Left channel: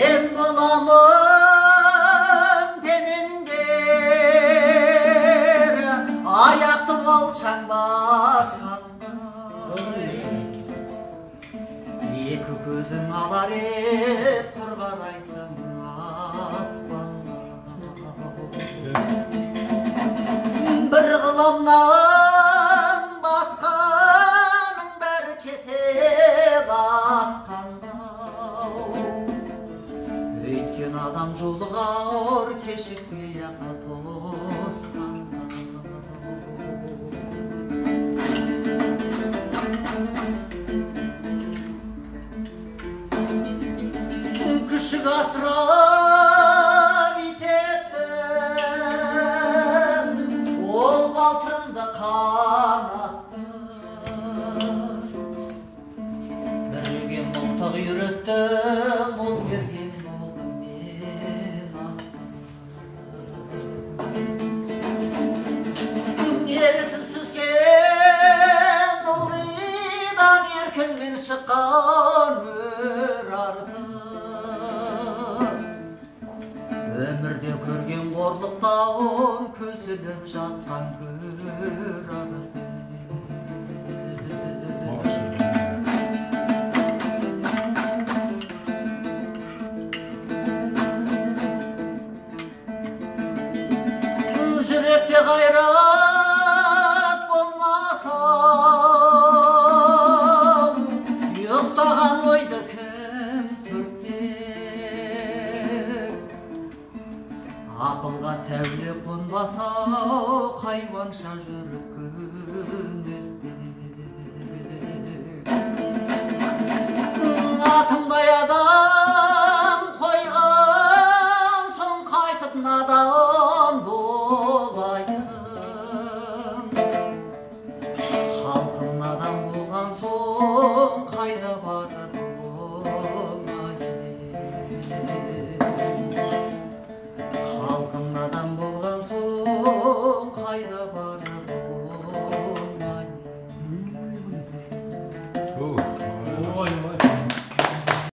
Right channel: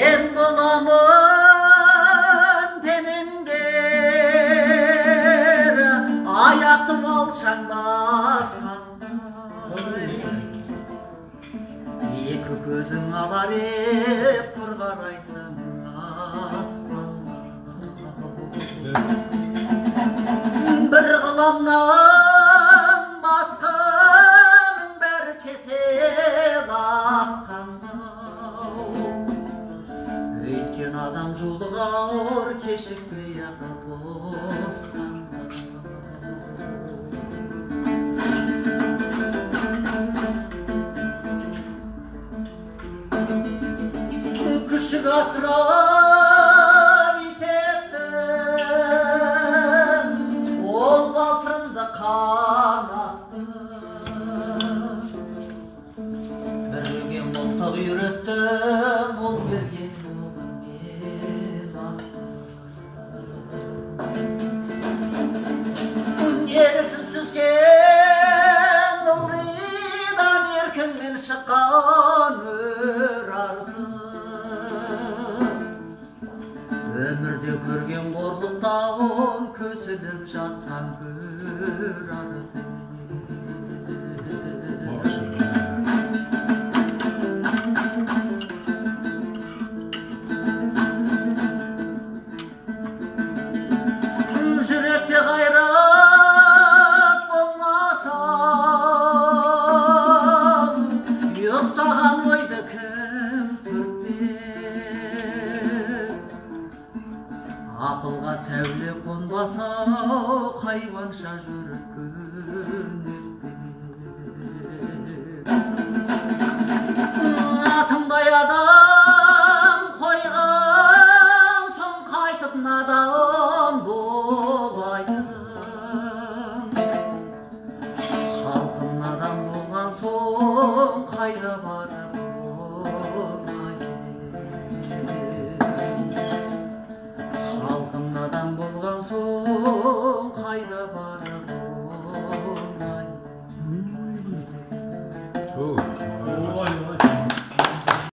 En bulamın temender ayaktı olşan baskanday iki gözün alar hep bir karaysın asmanda bir kılamdan baskanın bir kesel askanda öйткен адам жолығар кешікпей ақ тосқанда күшік асырап итеттім ол балтырымды қанатты берген мылтық үйреттім ол берген еріксіз түскен ылғидан еркіңмен шыққан өр арды өмірде көрген қорлықтауым көсіліп жатқан көр арды жүректе қайрат болмаса ұйықтаған ойды кім түртпек ақылға сәуле қонбаса хайуанша жүріп күн